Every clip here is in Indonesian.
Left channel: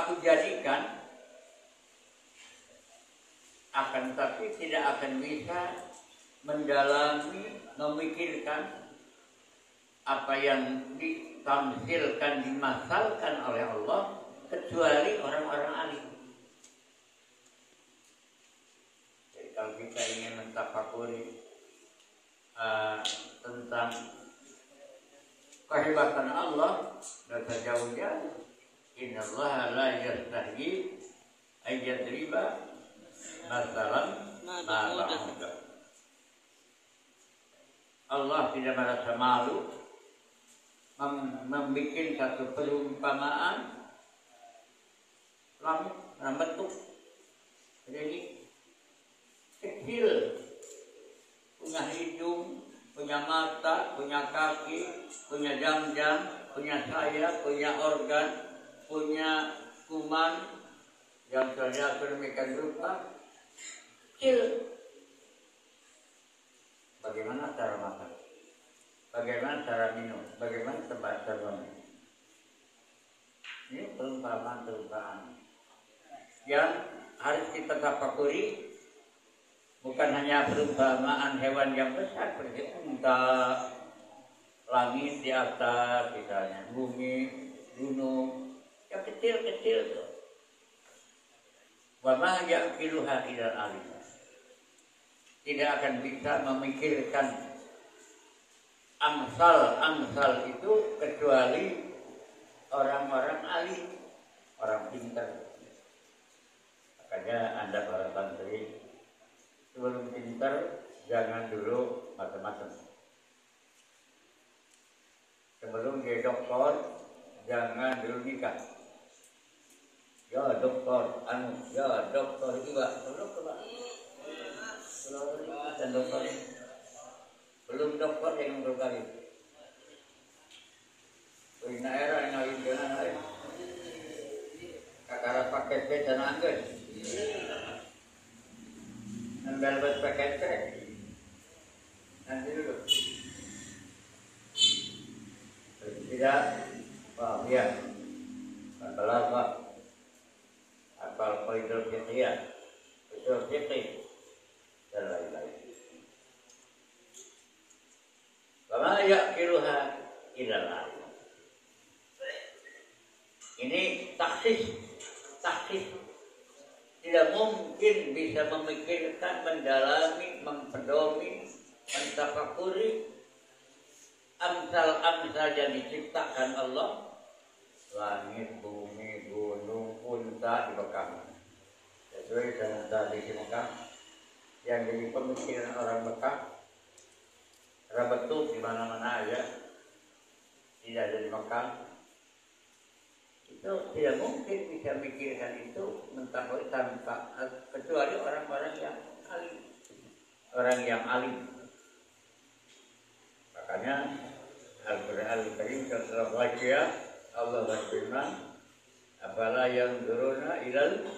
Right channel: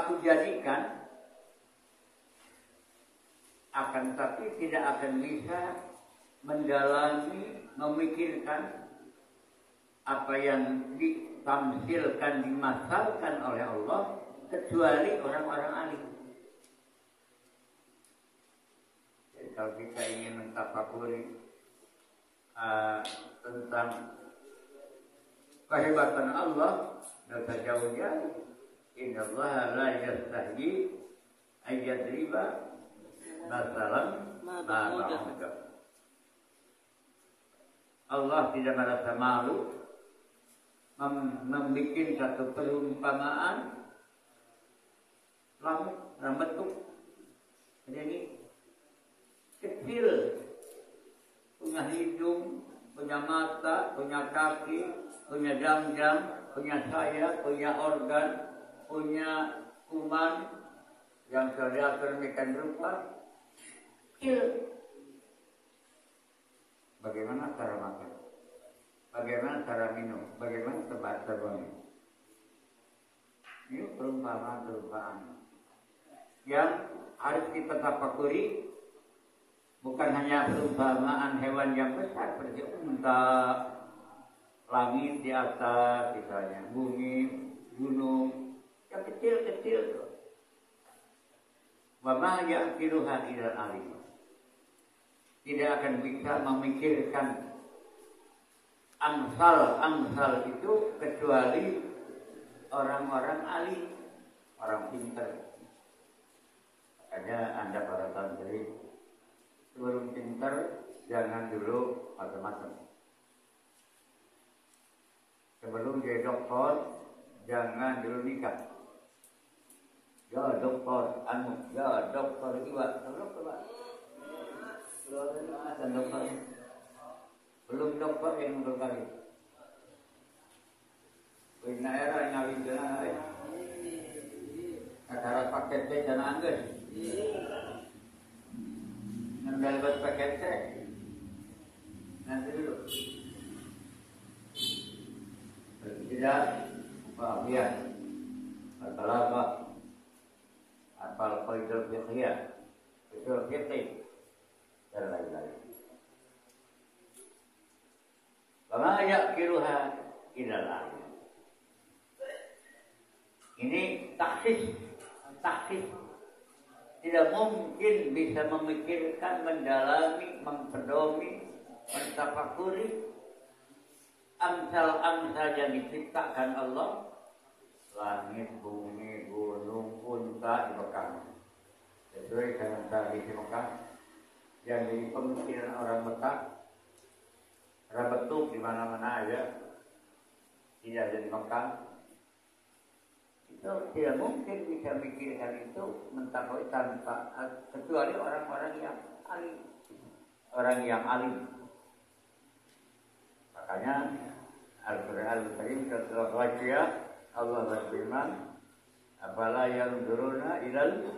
aku jadikan, akan tapi tidak akan bisa mendalami, memikirkan apa yang ditamsilkan, dimasalkan oleh Allah kecuali orang-orang alim. Jadi kalau kita ingin mentafakuri tentang kehebatan Allah, tidak usah jauh-jauh. Innallaha la yastahyi ayyadriba masalam ma ba'udah. Allah tidak merasa malu membuat satu perumpamaan langit dalam bentuk jadi kecil, punya hidung, punya mata, punya kaki, punya jam-jam, punya sayap, punya organ, punya kuman yang sudah sedemikian rupa kecil. Bagaimana cara makan? Bagaimana cara minum? Bagaimana tempat terbangun? Ini perumpamaan yang harus kita tafakuri. Bukan hanya perumpamaan hewan yang besar seperti unta, langit di atas, misalnya bumi, gunung, yang kecil-kecil tuh. Wa ma ya'qiluha illal alim. Tidak akan bisa memikirkan amsal itu kecuali orang-orang alim, orang pintar. Makanya Anda para santri sebelum pintar jangan dulu macam-macam. Sebelum dia doktor jangan dulu nikah. Ya doktor, ya doktor juga, dan dokter belum dokter yang berkali. Ina era yang ngawin jalan ada. Kakara paket ke dan angges. Nambah buat paket ke. Nanti dulu. Tidak, wah ya. Katalah apa? Apal qaidul fiqhiyah, usul fiqh dan lain-lain. Kama ya'qiluha ilal alim. Ini taksis. Tidak mungkin bisa memikirkan, mendalami, mempedomi, mentafakuri amsal-amsal yang diciptakan Allah. Langit, bumi, gunung, unta di Mekah. Sesuai dengan tradisi Mekah yang jadi pemikiran orang Mekah. Rabetuk di mana-mana aja, tidak ada di Mekah. Itu tidak mungkin bisa mikirkan itu mentafakuri tanpa kecuali orang-orang yang alim, orang yang alim. Makanya Al-Quran Al-Karim setelah baca Allah berfirman, "Afala yanzuruna ilal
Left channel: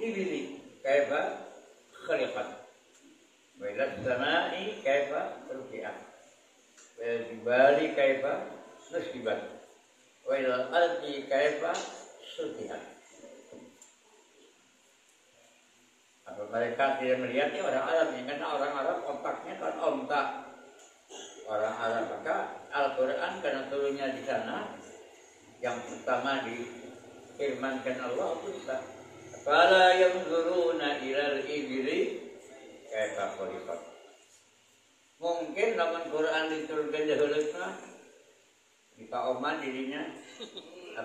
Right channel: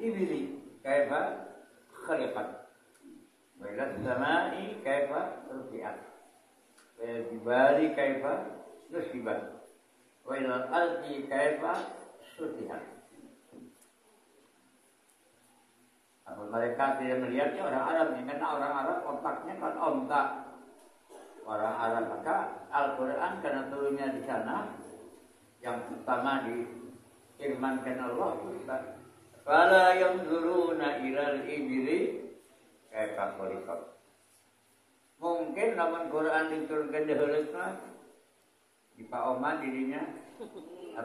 ibili kaifa khuliqat wa ila samai kaifa rufi'at wa ila jibali kaifa nusibat wa ila ardi kaifa sutihat." Apa mereka tidak melihatnya orang Arab ini? Karena orang Arab otaknya kan ontak. Orang Arab, maka Al-Quran karena turunnya di sana yang pertama difirmankan Allah Ustaz, "Fala yanzuruna ilal ibli kaifa khuliqat." Mungkin lamun Quran diturunkan dahulu mah di Pak Oman dirinya,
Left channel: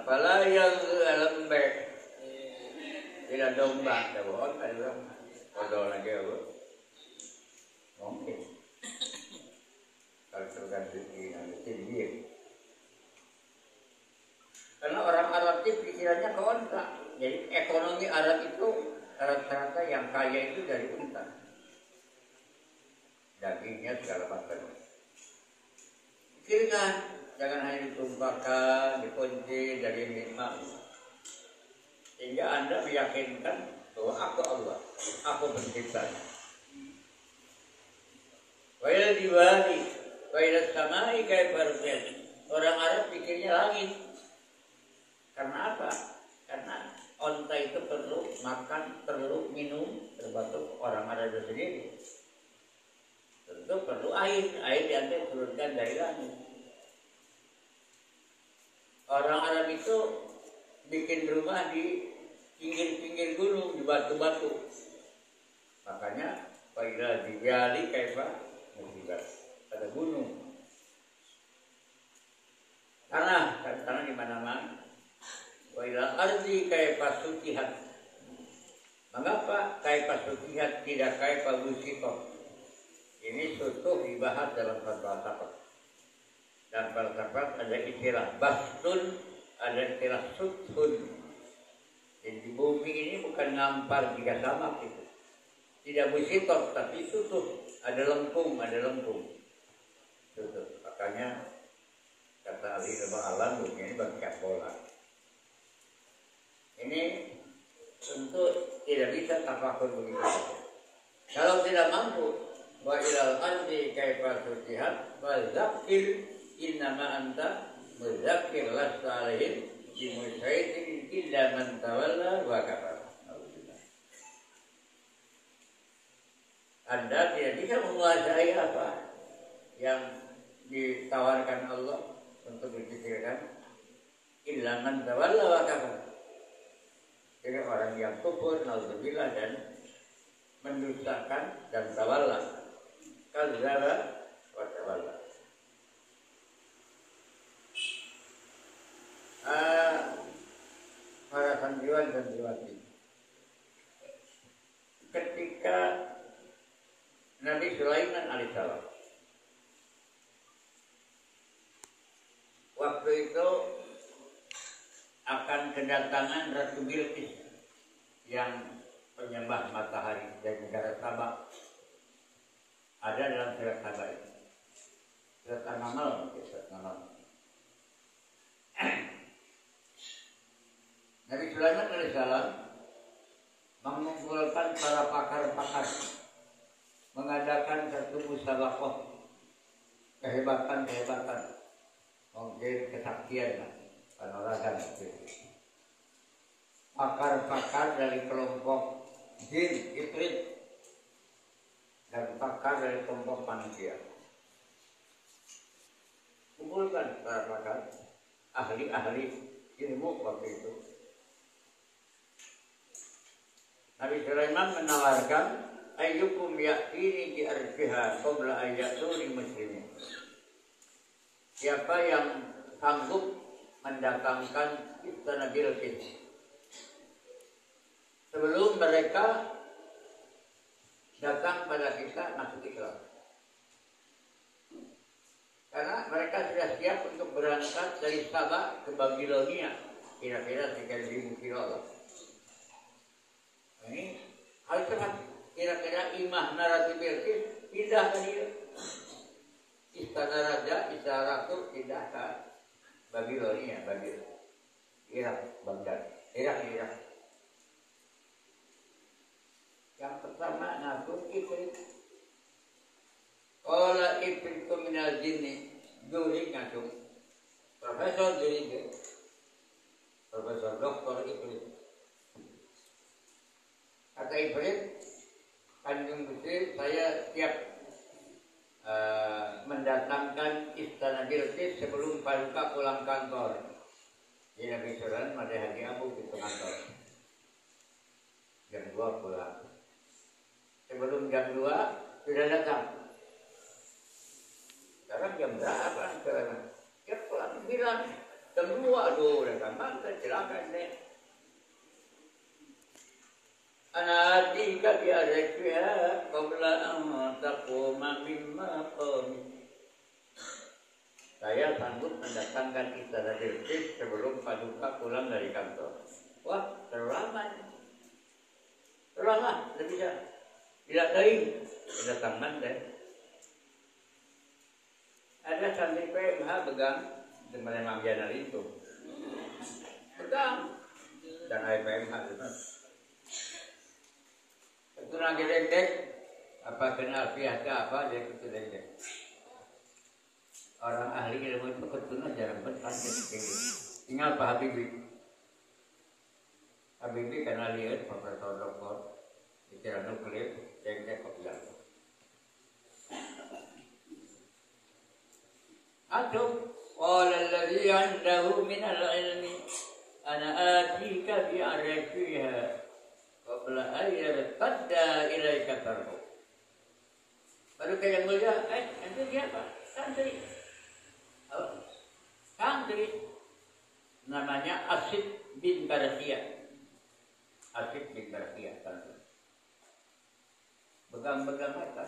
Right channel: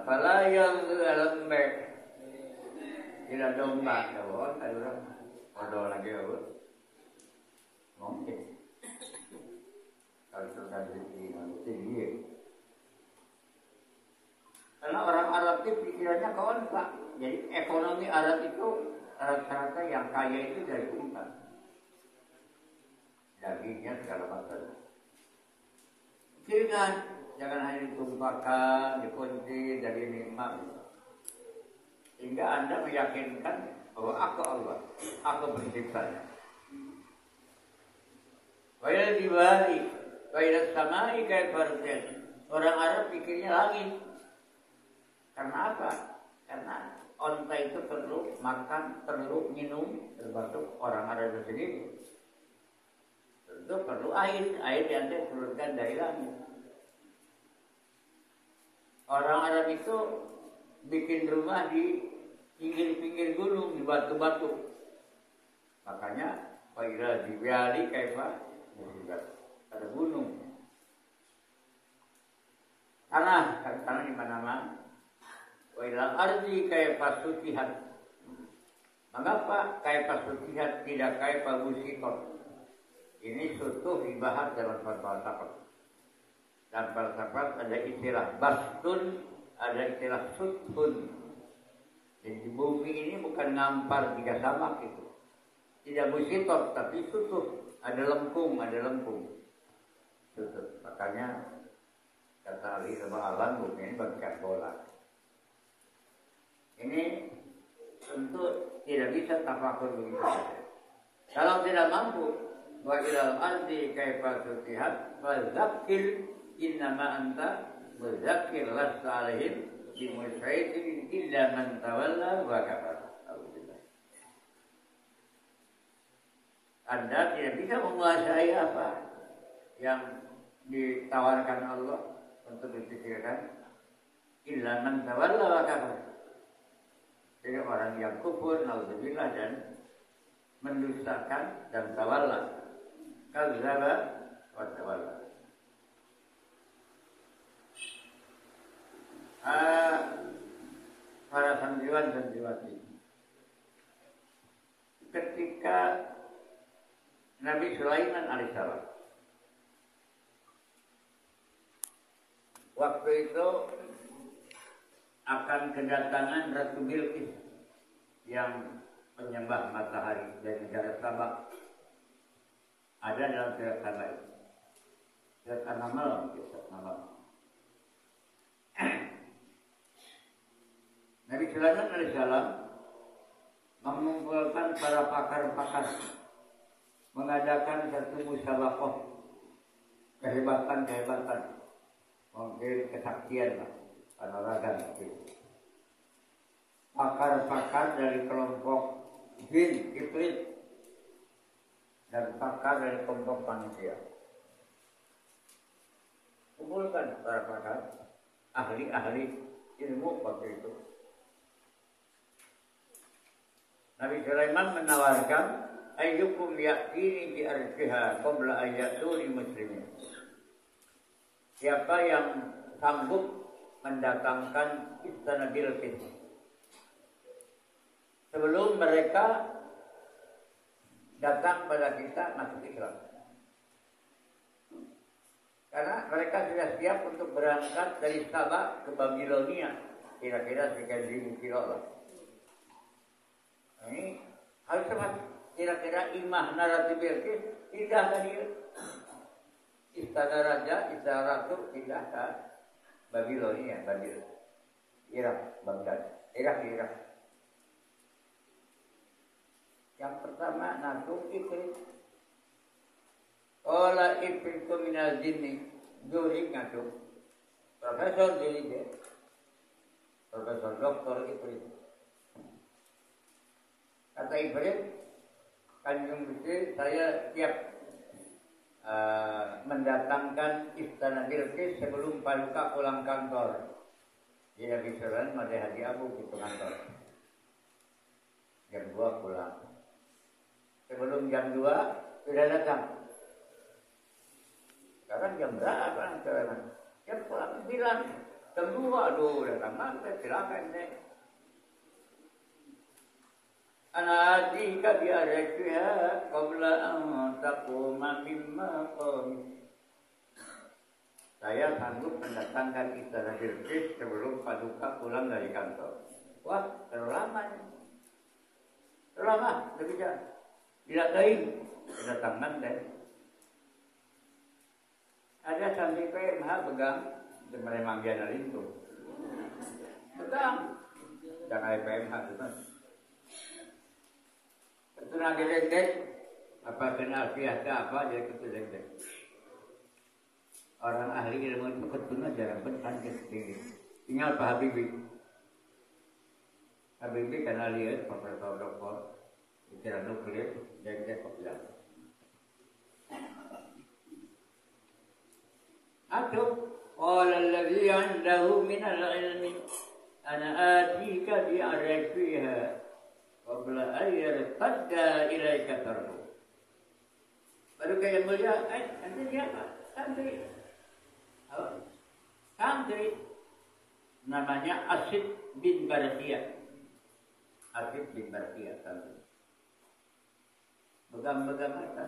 "Fala yanzuruna lembe." Tidak domba, ada bohong, ada orang, ada lagi apa? Mungkin. Kalau sudah tinggi. Karena orang Arab itu pikirannya ke unta. Jadi ekonomi Arab itu rata-rata yang kaya itu dari unta. Dagingnya segala macam. Pikirkan, jangan hanya ditumpahkan, dikunci, jadi nikmat. Sehingga Anda meyakinkan bahwa aku Allah, aku penciptanya. Wa ila diwali, wa ila samai kaifa rufi'at. Orang Arab pikirnya langit. Karena apa? Karena onta itu perlu makan, perlu minum, termasuk orang Arab sendiri. Tentu perlu air diambil turunkan dari langit. Orang Arab itu bikin rumah di pinggir-pinggir gunung, di batu-batu. Makanya pada di Bali kaifa musibah ada gunung. Tanah di mana-mana. Wa ilal ardi kaifa sutihat. Mengapa kaifa sutihat tidak kaifa busiqat? Ini sutuh dibahas dalam falsafah. Dalam falsafah ada istilah bastun, ada istilah sutun. Jadi di bumi ini bukan ngampar tiga samak itu. Tidak busiqat tapi sutuh. Ada lempung. Sutuh. Makanya kata ahli ilmu alam bumi ini bagaikan bola. Ini tentu tidak bisa tafakur begitu. Kalau tidak mampu, wa ilal ardi kaifa sutihat wa zakkir innama anta muzakkir lasta alaihim bimusaitin illa man tawalla wa kafara. Anda tidak bisa menguasai apa yang ditawarkan Allah untuk dipikirkan illa man tawalla wa kafara. Jadi orang yang kufur, naudzubillah, dan mendustakan dan tawalla, kadzdzaba wa tawalla. Para santriwan dan santriwati, ketika Nabi Sulaiman alaihissalam waktu itu akan kedatangan Ratu Bilqis yang penyembah matahari dari negara Sabah. Ada dalam surat Sabah ini. Surat An-Naml, Nabi Sulaiman alaihissalam mengumpulkan para pakar-pakar, mengadakan satu musabaqah kehebatan, mungkin kesaktian, kanuragan. Pakar-pakar dari kelompok jin, ifrit, dan pakar dari kelompok manusia. Kumpulkan para pakar, ahli-ahli ilmu waktu itu. Nabi Sulaiman menawarkan, ayyukum ya'tini bi arfiha qabla an ya'tuni muslimin. Siapa yang sanggup mendatangkan istana Bilqis sebelum mereka datang pada kita masuk Islam? Karena mereka sudah siap untuk berangkat dari Sabah ke Babilonia, kira-kira 3.000 kilo. Ini hal cepat, kira-kira imah narati Bilqis pindah ke dia. Istana raja, istana ratu pindah ke Babilonia, Irak, Baghdad, Irak. Yang pertama nakum ifrit. Qala ifritu minal jinni Juri ngakum. Profesor Juri, Profesor Doktor Ifrit. Kata Ifrit, Kanjeng Gusti, saya siap mendatangkan istana Bilqis sebelum Paduka pulang kantor. Jadi Nabi Sulaiman ada Haji Abu di kantor. Jam 2 pulang. Sebelum jam 2 sudah datang. Sekarang jam berapa sekarang? Dia pulang bilang jam 2, aduh datang banget, silakan deh. Anadika bi'arfiha qabla an taquma mimma qami. Saya sanggup mendatangkan istana Bilqis sebelum Paduka pulang dari kantor. Wah, terlalu lama. Terlalu lama, tidak bisa. Tidak baik kedatangan deh. Ada santri PMH pegang memang jalan itu. Pegang. Dan ada PMH itu. Itu lagi dek, apa kenal pihak apa dia itu dek. Orang ahli ilmu itu ketuna jarang bertanya seperti tinggal Pak Habibie. Habibie karena lihat profesor doktor bicara nuklir jengkel kok bilang. Aduh, qala alladhi 'indahu min al-'ilmi ana atika bi'arifiha qabla an yartadda ilaika tarhu. Baru kayak mulia, nanti dia apa? Santri. Santri namanya Asid bin Barakiyah. Asid bin Barakiyah santri. Begang-begang mata.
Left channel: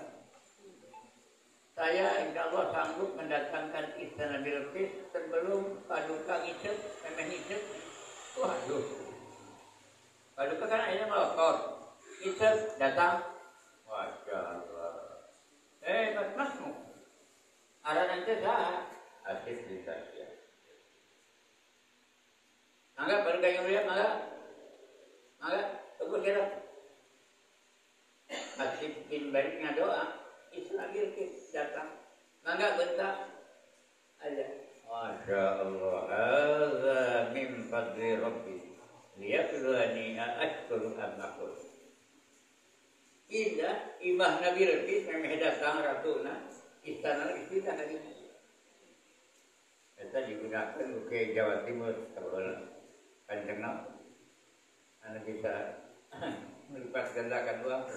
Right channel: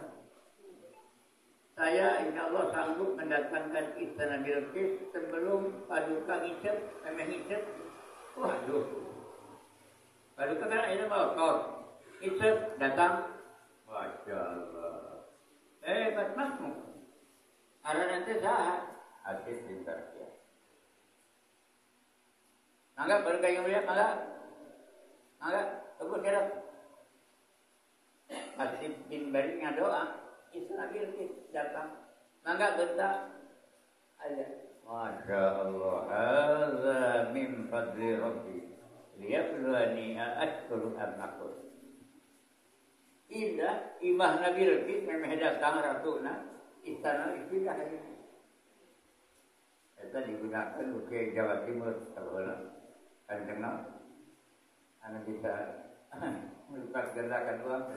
Saya insya Allah sanggup mendatangkan istana Bilqis sebelum Paduka ngicet, ngicet. Waduh. Paduka kan akhirnya melokot. Ngicet datang. Masya Allah. Hebat masmu. Ada nanti sahat. Asid bin Barakiyah. Mangga baru kayak melihat mangga. Mangga tunggu kira. Asid bin Barakiyah doa. Istana Bilqis datang. Mangga bentak. Ada. Masya Allah. Hadza min fadli Rabbi. Liyabluwani ashkuru am akfur. Indah imah Nabi Bilqis memang datang ratuna istana istilah hari ini. Itu digunakan ke Jawa Timur kalau kan dengar anak bisa melipat gandakan uang.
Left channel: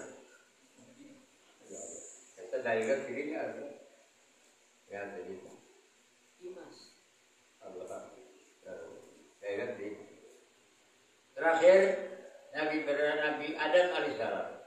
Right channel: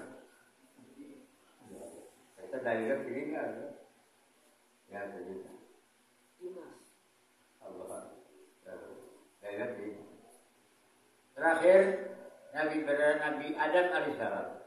Itu dari begini ada ya begitu. Dimas Allah dari terakhir Nabi Adam alaihissalam.